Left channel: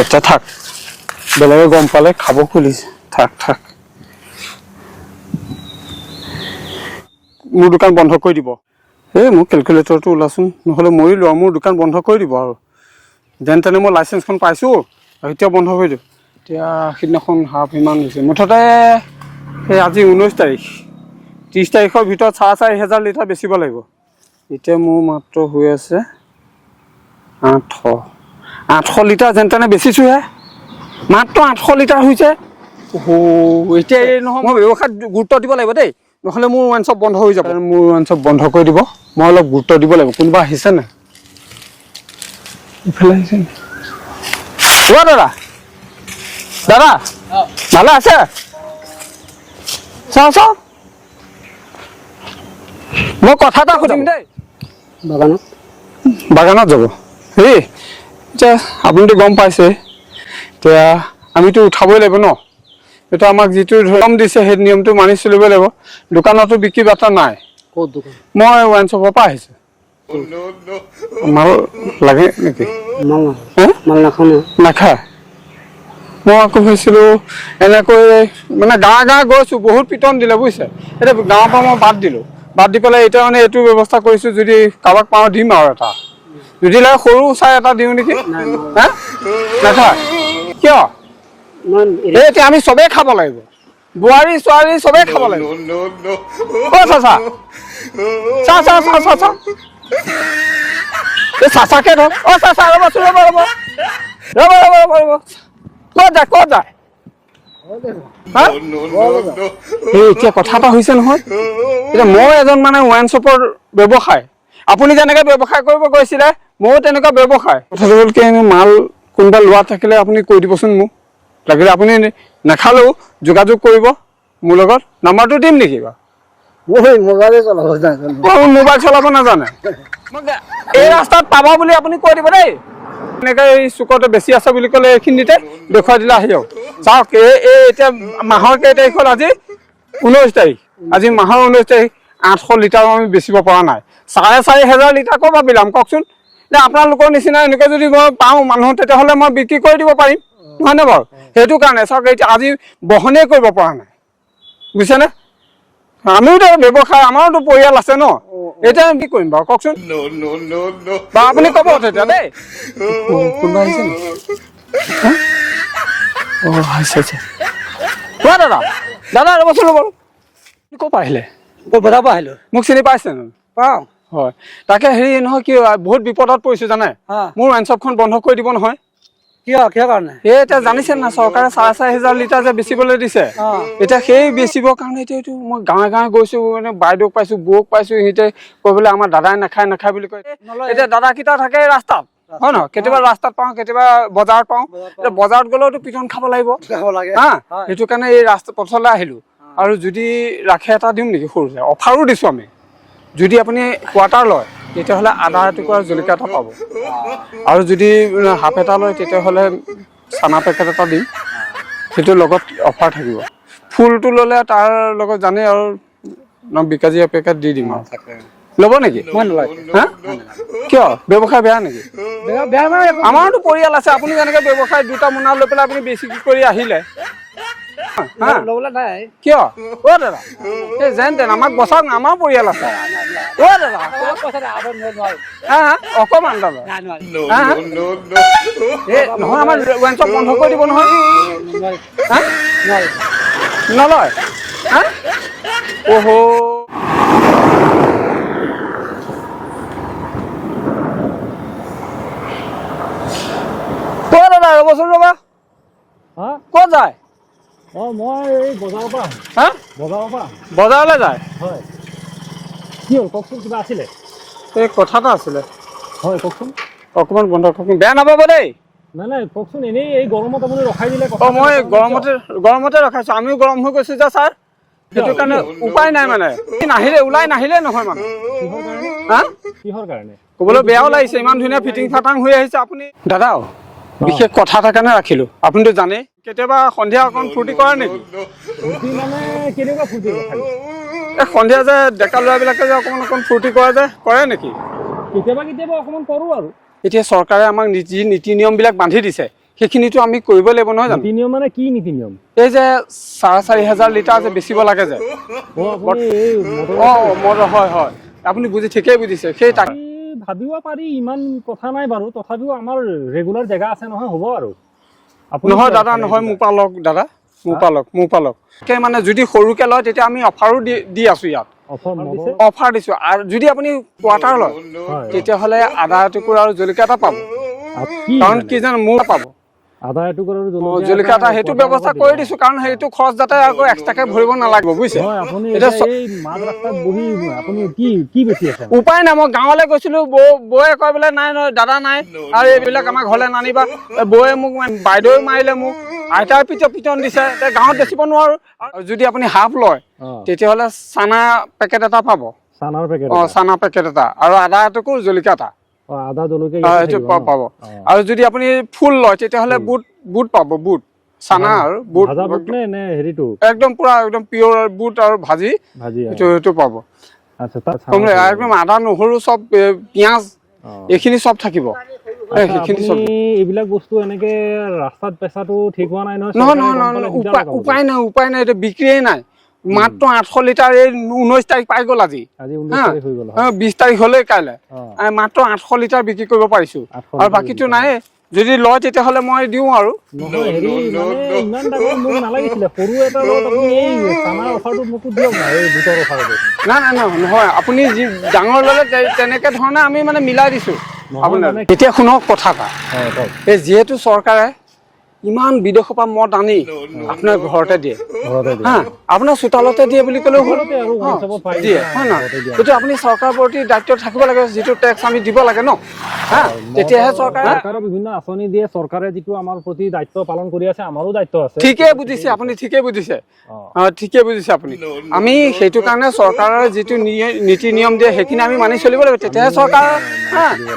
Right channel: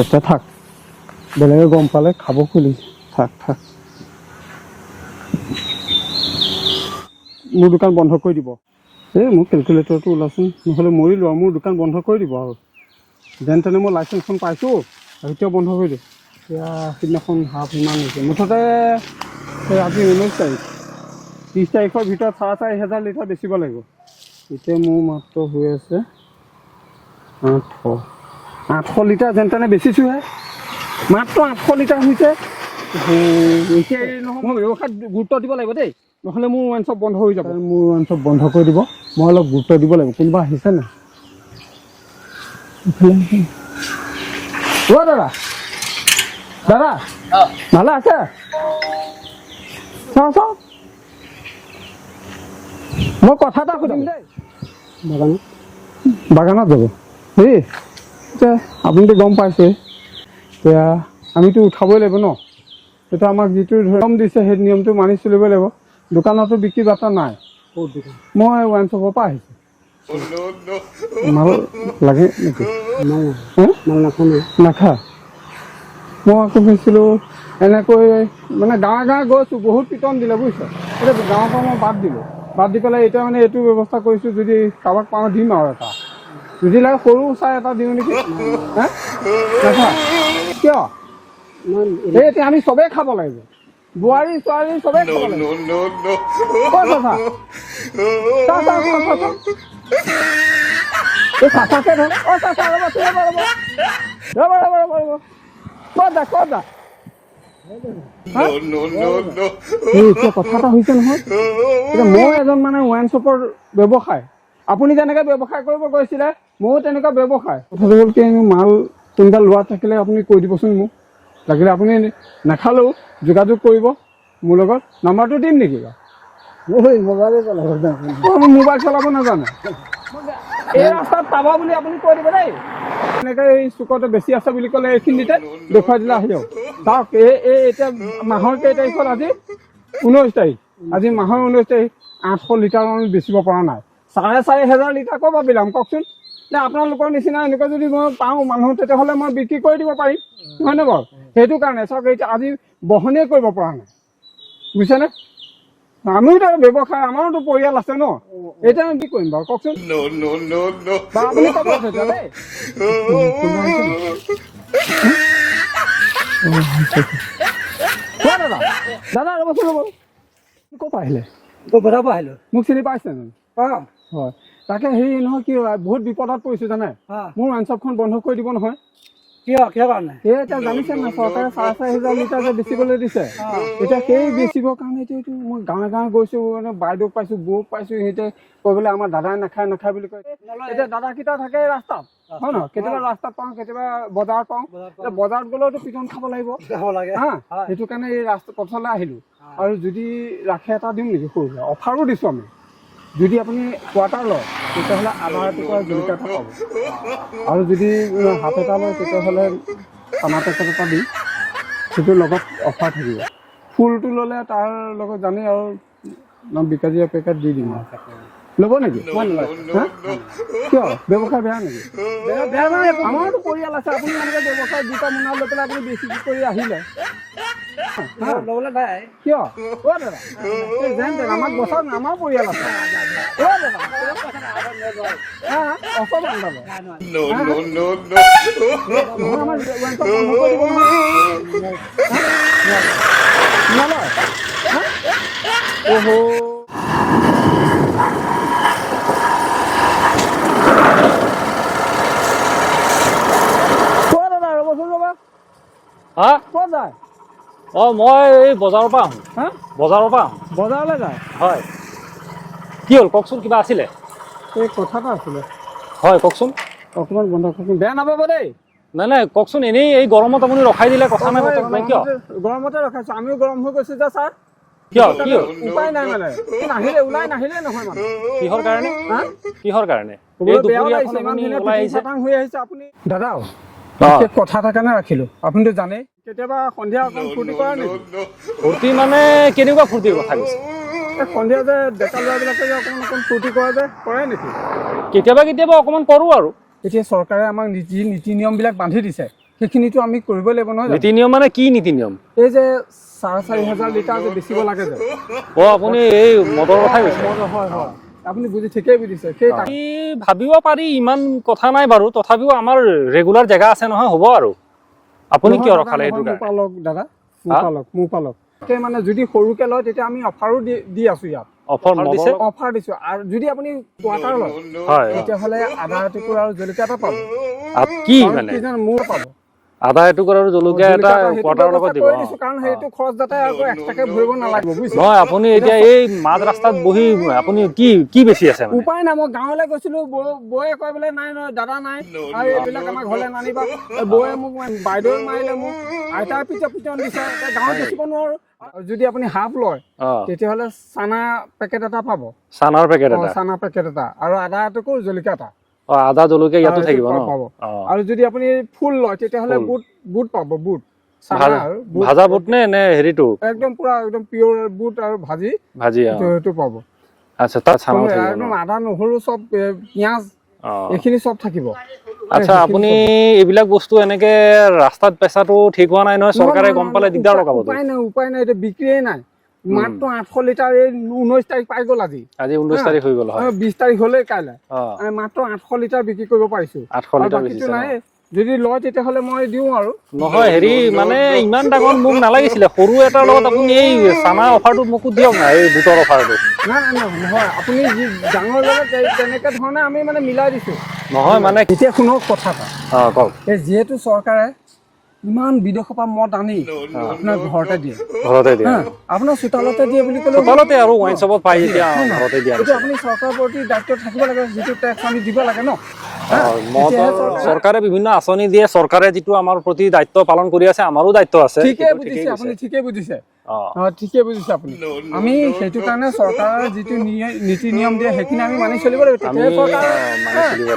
এটা থাক বেলেগে গম পালে খাব খুলিছে থাক থাক মোৰ দোকান বন্ধ কৰি দিব এই মোৰ কেলকুলেটৰটো ওলাচোন নহ'লে মৰি লোৱা মোৰ দোকান বন্ধ কৰি দিব আৰু যেন তেনে মই লাইচেঞ্চখন পাইছোঁ আৰু এতিয়া বন্ধ কৰি দিওঁ এতিয়া সিদিনাখন হাফ ইমান হৈছে মুঠতে এই আজি 19 তাৰিখ 30 তাৰিখৰ ভিতৰত 4,500 লিটাৰ বেচিব লাগিব এতিয়া মোৰ মাত্ৰ হৈ আছে 800 লিটাৰ যেন তেনে বেচিছোঁহে মাত্ৰ 800 লিটাৰ হৈছে এতিয়া এই নহয় মই ব্যৱসায়ত গুৰুত্ব দিব লাগিব দেই নহ'লে মোৰ ৱাইন শ্বপ বন্ধ হৈ যাব মোৰ ৱাইন শ্বপ বন্ধ কৰি দিব মই অলপ গুৰুত্ব দিব লাগিব কোনোবা আহিছে নাই ইফালে আহিছে অ' দাদা দাদা ভালে আছে চাওঁ চাওঁ মই কথা এটা সুধিম দেই বাগানত যাব এই এতিয়া আপুনিতো গম পাইছে এতিয়া আমিতো উঠাবই লাগিব ন এটা আমাক যিটো নিয়ম দিছে সেই নিয়মটো মানি চলিব লাগিব দোকানতো বিক্ৰী বাৰ্তা নাই ক'ত দোকান মই ৱাইন শ্বপৰ পৰা আহিছোঁ মাল লাগে নেকি মাল নাখাওঁ নাখায় মই আকৌ ভাবিছিলোঁ এনেকৈ মানে গাঁৱে গৈছোঁ বহুত পিটন দিলে বুজিছে এতিয়া গাঁৱৰ পৰা মই বাদ দিলোঁ বাদ দি পেলাই এতিয়া মানে এইটো ব্যৱস্থা কৰিছোঁ যদি কাৰোবাক পাওঁ দিম আৰু এটা যদি লাগে সৰু চাই এটা দিওঁ নেকি হা নাখায় কিয় এই এতিয়া আমি চবেই খাব লাগিব বোৱাৰী ছোৱালী চবেই খাব লাগিব চাচাকে ধৰক অ' চাচা ৰ'বচোন ৰ'ব ক'ত যা এতিয়া কথা এটা হৈছে নহয় এতিয়া মই এজন মানে ৱাইন শ্বপৰ ব্যৱসায় আপুনি যেনেকৈ ব্যৱসায় কৰিব গৈছিলে ময়ো তেনেকুৱা ব্যৱসায় কথাটো হ'ল কি মাল কোনোবা লোৱা থাকিলে আপুনি কৈ দিবচোন মোক লাগিলে আপুনি নাখালেও যোগাযোগ কৰিব মোৰ লগত নাম্বাৰটো দিম নেকি বাৰু মোবাইল চলাব নাজানে এই ৰাস্তাত পাব বুলি আপুনি কৈ দিব দেই এনেকৈ এই চুকতে বেছি আছে বুলি ক'লে এইখিনিতে দেখুৱাই দিলে আহি যাওক চাওক এই এতিয়া মাহৰ কেই তাৰিখত আজি 19 তাৰিখ আজি মাহৰ 19 তাৰিখ 800 লিটাৰ আমি বেচিব পৰা নাই 4,500 লিটাৰ ক'ৰ পৰা বিলাম কওকচোন যে আপোনালোকৰ নিচিনা এনেকৈ যদি মই পাওঁ মানুহ তেতিয়াহ'লে মই বিক্ৰী কৰি দিব পাৰিম নহয়নে বাৰু সেইটো কাৰণে চাওক এতিয়া আজি বহনেই কৰিব পৰা নাই বুজিছেনে আমিওতো ব্যৱসায় আমাৰোতো পৰিয়াল আছে ন এতিয়া কি কৰিম বাৰু কওকচোন বা আপুনি ক'ব তেতিয়া দেই দাদা দাদা ৰ'বচোন ৰ'ব ক'ৰ পৰা আহিলে বজাৰ পৰা আহিলোঁ মোক চিনি পাইছে পাওঁ হয় তাকে হেৰি নহয় কি বহুত বিপদত পৰিছোঁ জানে মোৰ ৱাইন শ্বপখন বন্ধ কৰি দিব নহয় কিয় কাৰণে এই এতিয়া জানিছে না চৰকাৰে 4,500 লিটাৰ যে বেচিবলৈ দিছে এতিয়া সেই বেচিবৰ কাৰণে এতিয়া এইটো মই গাঁৱে গৈছোঁ মানে বাইদেউক পাইছোঁ বৌক পাইছোঁ সিহঁতে কৈ বোলে আমাৰ দাদাই নাখায় বুলি কয় এতিয়া দাদাকেইটা থাকে ৰাস্তাত হয় নহয় কেতিয়াবা ৰাস্তাত পাওঁ কেতিয়াবা বজাৰত পাওঁ এতিয়া বজাৰত গ'লেওতো পিটন খাব লাগিব হা সেইটো কাৰণে এই ৰাস্তা পথলৈ আহিলোঁ আৰু যদি ৰাখে এটা দিম নেকি সৰুকৈ অফাৰো দিছোঁ আমি যদি আপুনি কোৱাৰ্টাৰ লয় তেতিয়াহ'লে আদা এটুকুৰা জলকীয়া এটা পাব আৰু যদি হাফ এটা লয় তেতিয়াহ'লে চানা পেকেট এটা দিম সেইটো লগত অফাৰ থাকিব ফুলটো ল'লে তাৰ লগত জানেই আৰু বিকাজী পেকেট দি দিম আৰু ল'ব নেকি হা কিয় ব্যৱসায় বেয়া নেকি আমাৰতো পৰিয়াল আছে আপুনি যেনেকৈ ব্যৱসায় দুটা মোনা লৈ পেলাই আপুনি বেছি কৰি আহিলে কিয় অ' দাদা এই যেন তেন আমাক বচাওক না আমাৰ পৰিয়াল আছে অ' দাদা অকণমান দাদা নহয় আমাৰ ৱাইন শ্বপ বন্ধ কৰি দিব নহয় নলয় অহ' ক'ত দাদা ৰ'বচোন ৰ'বা হা ক'ত যায় অঁ মই এই বজাৰৰ পৰা আহোঁ হা বজাৰৰ পৰা আহোঁ বজাৰলৈ যায় হয় কি হ'ল কওকচোন কিবা আছিলে এই কথা এটা আছিলে হয় কওকচোন অকণমান বন্ধ কওকচোন বেয়া নাপাব দেই নাই কওকচোন এনেই এই গৰমত আপুনি ৰখাই দিলে কথা মই গৰমতে ৰখাইছোঁ আমিও গৰম হৈ গৈছোঁ যে ছাৰ সেইটো কাৰণে উপায় নাই মানে ওলাই নাহিলে নহয় মানে কিহৰ কাৰণে ক'বলৈ বেয়াও লাগিছে ইমান ধুনীয়া ফিটিং ফাটাং হৈ আহিছে আপুনি দাদা বিশেষ কথা এটা কাৰণে ৰাখিলোঁ আপুনিতো জানেই কেতিয়াবা সন্ধিয়া অকণ ফূৰ্তি কৰে নেকি ফূৰ্তি মানে কেনেকুৱা ফূৰ্তিৰ কথা কৈছে এই সন্ধিয়া যে ডেকা ল'ৰাবিলাকে যে অকণ ফূৰ্তি কৰে নেকি কেতিয়াবা অকণমান কৰোঁ আৰু এতিয়া চৰকাৰে আমাক যি নীতি নিয়মবিলাক বান্ধি দিছে সেইখিনিতো আমি কৰিব লাগিব নহয় জানো? নীতি নিয়ম মানে কি নীতি নিয়ম? এই যে 4,500 লিটাৰ যে বেচিব লাগে যে আপুনি এই মটৰৰ কথা কৈছে? মটৰ হয় হয় আপুনি ঠিকেই বুজিছে সেই আমি ভাবিব পাৰি ইমান কথা নাই বাৰু, তথাপিও আমাৰ ৰেগুলাৰ জেগা আছে নহয়, হ'ব আৰু আপুনি নহয় কিয় দাদা ৰখালে নহয় এইটো মোৰ পালক দাদা মোৰ পালক মানে যদি সৰুকে লয় তেতিয়া আমি অফাৰো দি আছো ইয়াত অফাৰ দিছে? অফাৰ দিছো আৰু যদি আপুনি কোৱাৰ্টাৰ লয় হয় তেতিয়াহ'লে আদা এটুকুৰা আৰু জলকীয়া এটা পাব কি কাৰণ মানে কি জানো মোৰ পাব আদা এটুকুৰা আৰু জলকীয়া এটা সেইটো quarter ব্যৱস্থা লগত দিব। কৰি দিছো কাৰণ সেইটো খৰচ যাতে আকৌ এক্সট্ৰাকে ভৰিব নালাগিব বুজিছে নহয় আপুনি এতিয়া এই মাজ ৰাস্তাত বহি আপুনি কি বেছি আছে মানে? উপায় নাই মই গাঁৱলৈ গৈছিলো বৌয়ে কয় বোলে নাই নহয় দাদা নাই আৰু এইবিলাক আমাৰ ঘৰলৈ নানিবা বৌয়ে মোক বাইদেউ মাৰিলে মোক আইতাৰ পিটন দিছে গাঁৱত বেচিব নোৱাৰো আৰু যদি আপুনি হাফ লয় তেতিয়াহ'লে চানা পেকেট এটা পাব চানাৰ পেকেট চানা পেকেট এটা আৰু আদা এটুকুৰ জলকীয়া এটা আদা জলকীয়া ইয়াতে থাকিব ন? পাব আৰু যদি আপুনি ফুল লয় তেতিয়াহ'লে বুট পাব বুট চানা আৰু ভাজা বুট নে হেৰিটো একদম পুৰা একদম পিয়ৰ বুট আৰু ভাজি সেইটো পাব আচ্ছা তাত একদম আদা নহৰু চব পিঁয়াজ এইখিনি চব থাকিব আচ্ছা আপুনি এইবিলাক বস্তু এনেকে ৰাস্তাত বেচাটো ঠিক হোৱা নাই নহয়, চৰকাৰে গম পালে দিগদাৰ লগাব। উপায় নাই এইটো বিক্ৰীয়ে নাই মাত্ৰ 800 লিটাৰ এই 19 তাৰিখ পাই গ'ল আজি 19 তাৰিখ হৈ গ'ল 20 তাৰিখ হ'লে কাইলৈ মাত্ৰ 800 লিটাৰ বিক্ৰী কৰিব পাৰিছো আৰু বাকীটো নাই যদি লয় তেতিয়াহ'লে মই দিওঁ আৰু নহয় হেৰি মানে ইমান ডাঙৰ মোক নালাগিছিলে সৰু এটাৰ লগত আপুনি এই চানা অফাৰটো মোকো দিয়ক না এই বুটৰ অফাৰটো নাই নহয় আপুনি ডাঙৰ ল'লে তেনেকে ধৰণে আমি মানে মিলাই দিছো নহয় মানে এতিয়া শুনক কথা এটা এই যিহেতু চৰকাৰে ইমান বিদেশৰ পৰা মদ আনি আপোনাৰ ঘৰতে দিয়ে আপোনাৰ চোতালতে দিয়ে বুলি ক'লেও ঘৰতে আৰু ৱাইন শ্বপত পাই দিয়ে সেইটো আপুনি চৰকাৰৰ প্ৰতি দায়িত্ব থাকিব লাগে যিটো টেক্স আমি দিব লাগে ন তেতিয়াহে চৰকাৰে বিভিন্ন আঁচনি দিয়ে চৰকাৰে যিটো আমাৰ প্ৰতি দায়িত্ব পালন কৰি আছে আমাৰো দায়িত্ব আছে ঠিকেই বুজিছে আপুনি ঠিকেই বুজিছে আপুনি আমি সেইটো কাৰণে চৰকাৰৰ যিটো নীতি নিয়ম দিয়ে সেইখিনি আমি মানি চলিব লাগিব তেতিয়াহে চৰকাৰৰ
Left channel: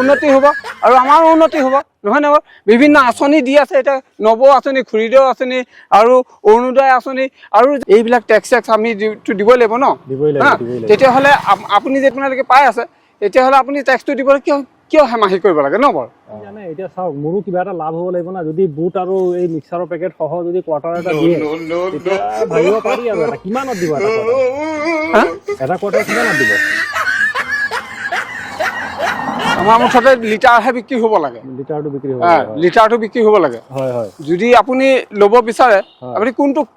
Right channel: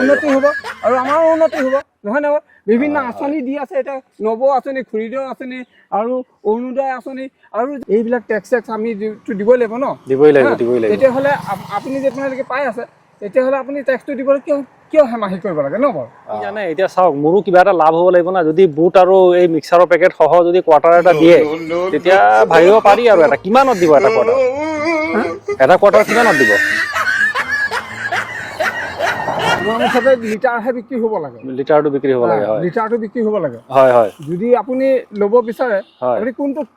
উন্নতি হ'ব আৰু আমাৰো উন্নতি হ'ব নহয় নহয় বিভিন্ন আঁচনি দি আছে এতিয়া নব আঁচনি খুৰীদেউ আঁচনি আৰু অৰুণোদয় আঁচনি আৰু এইবিলাক টেক্স আমি দিবই লাগিব ন তেতিয়াহ'লে আপুনি যেতিয়ালৈকে পাই আছে তেতিয়াহ'লে আপুনি টেক্সটো দিবলৈ কিয় হেমাহি কৰিব লাগে ন বাৰু জানে এতিয়া চাওক মোৰো কিবা এটা লাভ হ'ব লাগিব না যদি বুট আৰু এই মিক্সাৰৰ পেকেট সহ যদি কোৱাৰ্টাৰ এটা দিয়ে তেতিয়া ভাবিব পাৰি আৰু এটা কিমানত দিব এটা কোৱাৰ্টাৰ কিমানত দিব আমাৰ মুঠতে লিটাৰহে বিক্ৰী হ'ব লাগে লিটাৰটো বিক্ৰী হ'ব লাগে লিটাৰটো বিক্ৰী হ'ব লাগে হয় যদি আপুনি ল'ব বিচাৰে আপুনি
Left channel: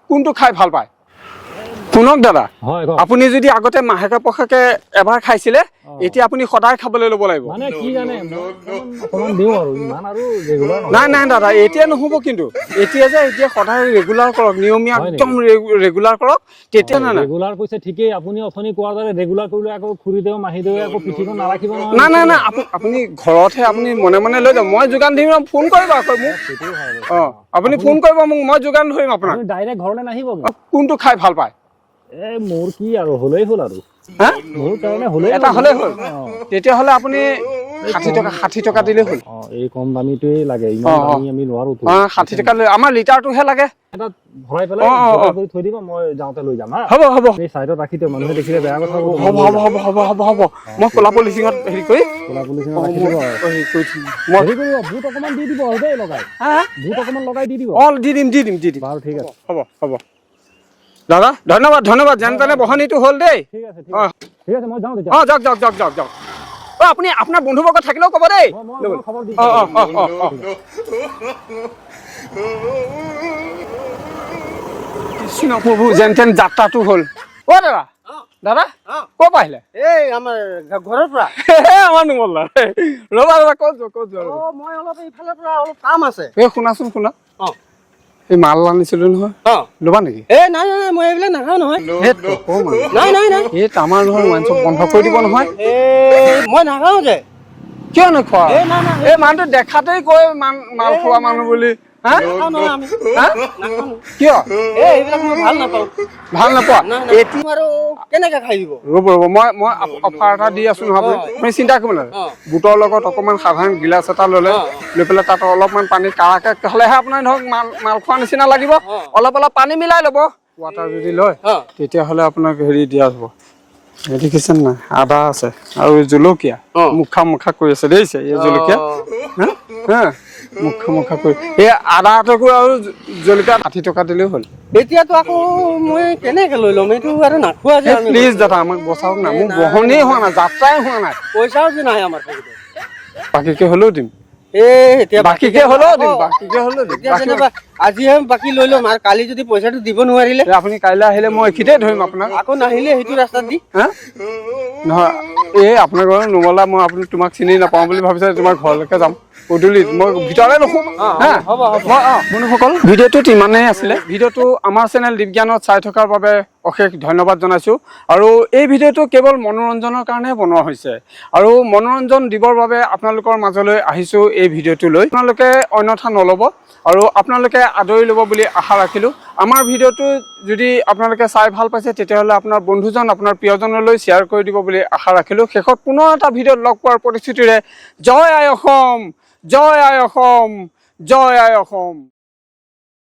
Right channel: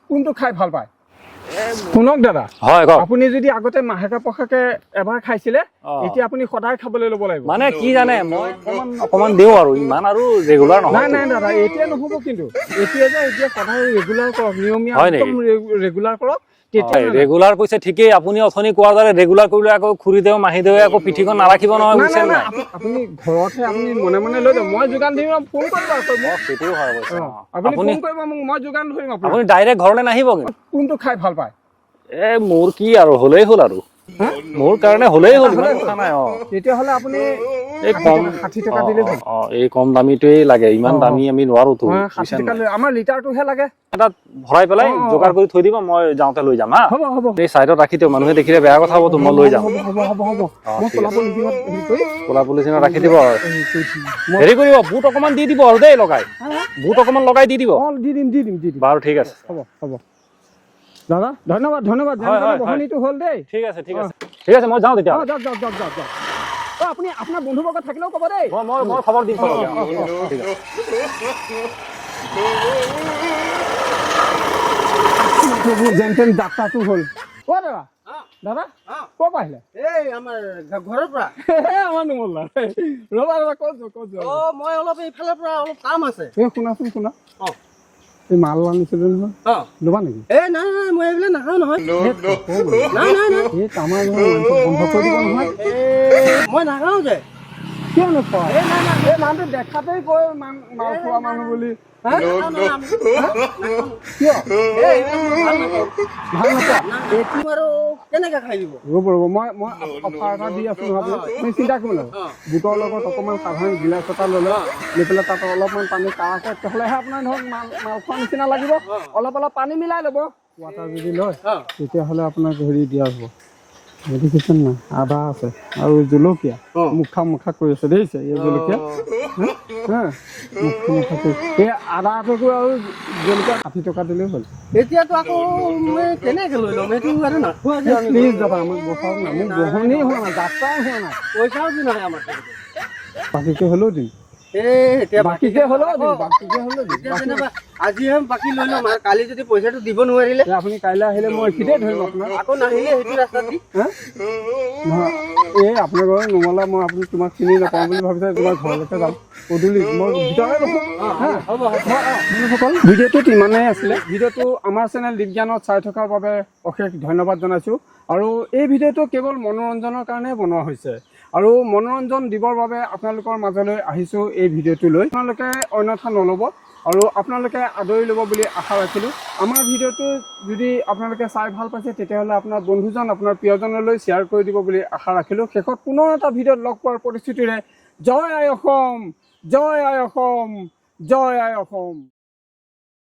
কোনটো খাই ভাল পায় শুনক দাদা আপুনি যদি আগতে মাহেকে পষেকে এবাৰ খাইছিলে এতিয়া আপুনি সদায় খাবলৈ ল'ব লাগিব মানে কি জানে মই অকমান দিওঁ আৰু ইমান আৰু ৰেগুলাৰ নহয় নাই দাদা এতিয়া নহ'ব কিন্তু এতিয়া সদায় ৰেগুলাৰ কৰক নিয়মীয়া একদম ৰেগুলাৰ কৰক তেতিয়া ৰেগুলাৰ কৈছে ঠিকেই আপুনি অথনি কোৱাৰ দৰে ৰেগুলাৰ কৰিলে আকৌ খুৰীদেউ মাহীদেৱে আকৌ পিঠিখন নাৰাখিব নহয় নাই আপুনি ঘৰতহে আপুনি মনে লৈ যাব মই যোগান দিম ফোন কৰিব আকৌ মোক আপুনি ফোন কৰিব মোক মই যোগান ধৰিম আপুনি ডাইৰেক্ট ঘৰলৈ নাহিব কোনটো খাই ভাল পায় মোৰ কি আৰু হ'লেই হ'ল আৰু মোৰ কাৰণে হ'লেই তেতিয়াহ'লে আপুনি 60 টকা দিলেই হ'ল এই কম দামীটোৱেই লাগে ইমান দামী আমি নোৱাৰো 60 টকা আমাৰ লিটাৰটোহে লাগে এটা ভৰাই পেলাই যোগাৰ কৰি থৈ দিব মই যাওঁতে লৈ যাম হ'ব এই চাইডত ৰাখি দিওঁ মানুহে দেখিলে বেয়া কথা হ'ব মই লৈ যাম হ'ব মই ক'লা পলিচিঙত ৰাখি দিব হেৰি কৰিব বুট অকণমান দি দিব আৰু দেই লগাই বুট অকণমান লগাই দি দিব দি দিম বাৰু ঠিক আছে হ'ব দাদা ধন্যবাদ যেন তেনে বহনীটো হ'ল দেই ঠিক আছে মই যাওঁ তেতিয়া যাওক আপুনি আপোনাৰ বন্ধুবৰ্গ থাকিলেও ক'ব দেই মই খবৰ দিম প্ৰভু যেন তেন যাত্ৰাটো হ'ল দাদা ক'ৰ পৰা আহিলে আমাৰ ঘৰৰ পৰা আমাৰ নুমল ৰবা ক'ত মই অলপ এইফালৰ পৰা অলপ কাম আছে শুনাচোন এই মাল আনিছিলো নহয় ল'বা নেকি নাই মই এইবিলাক নাখাওঁ নহয় এই আমাৰ নহয় মাংস বন্ধ কৰি দিব নহয় মই নাখাওঁ যে কিয় নোখোৱা এই মানুহটো দেখাতেই কয় মাল খোৱা মানুহ বুলি কিয় ভাল নাপোৱা কেনেকে খাই দিব ৰ'ব মই অফাৰ এটা দি আছো নহয় আপুনি চিন্তা কৰিব নালাগে বুটৰ লগত অকণমান সাধাৰণ গিলাচ এটা ল'লে লৈ পেলাই তাত অলপমান পানী কাৰাকে হ'লেহে আপোনাৰ ধৰক মাল খোৱা নিচিনা লাগিব অলপ পানী মিলাই ল'ব ৱাটাৰ যদি লয় তেতিয়াহ'লে আপোনাক হেৰি দিয়া হ'ব দেখিছেন নাই আদা আছে আৰু জলকীয়া মুখা মুখা কৰি আছে দেখিছে এই জলকীয়া হা মুখা মুখা কৰি এই আদাটোকো আৰু জলকীয়া 60 টকা দিলেও হ'ল এতিয়াতো আকৌ মই কেনেকে লৈ ল'ম এইটো আৰু নাখোৱা যে আমি প্লিজ দাদা আমাক বচাওক না মোৰ বহনেই হোৱা নাই যাত্ৰাই হোৱা নাই পইচাও যে নাই আমাৰ বাকীকে হ'লেও দিম এতিয়া বাকীকে হ'লেও দিম বাকীকে হ'লেও দিম এতিয়া যেনিবা আজিহে বাকী লৈ ল'ম আৰু কালি যদি পইচাটো দিব নোৱাৰিলে আপুনি কাইলৈ আহিলে মই এইখিনিতে ধৰিম আপোনাক আকৌ নাহিলে সেইটো ৰাস্তাত দি হা নহয় এই আপোনাৰ ঘৰত নোমলা মই আপুনি তোমাক চিনি নাপাওঁ বুলি ভাবিছে তোমাৰ ঘৰলৈকে যাম গধূলিত মই ভিতৰলৈ ৰখোঁ হা বন্ধুসকল ভিডিঅ'টোত ইমানেই আছিলে ভিডিঅ'টো আমাৰ চেনেল দীপজ্ঞানত চাই থকাৰ বাবে অশেষ ধন্যবাদ জনাইছোঁ আৰু এই ভিডিঅ'টো কেৱল মনোৰঞ্জনৰ কাৰণেহে বনোৱা হৈছে আৰু মনোৰঞ্জন দিবৰ বাবে আপোনালোকৰ মাজলৈ আহিছোঁ এই ভিডিঅ'টো লৈ আপোনালোকে অন্যথা নল'ব আৰু আপোনালোকে আদৰি ল'ব বুলি আশা ৰাখিলোঁ আমাৰ ভিডিঅ'টো যদি আপোনালোকে চাই ভাল পাইছে তেতিয়াহ'লে আপোনাৰ বন্ধুজন আপোনাৰ প্ৰিয়জনলৈ শ্বেয়াৰ কৰি দিব বুলি আশা ৰাখিলোঁ শেষত পুনৰ এটা ভিডিঅ'ত লগ পোৱাৰ প্ৰতিশ্ৰুতিৰে জয় আই অসম জয় আই অসম জয় আই অসম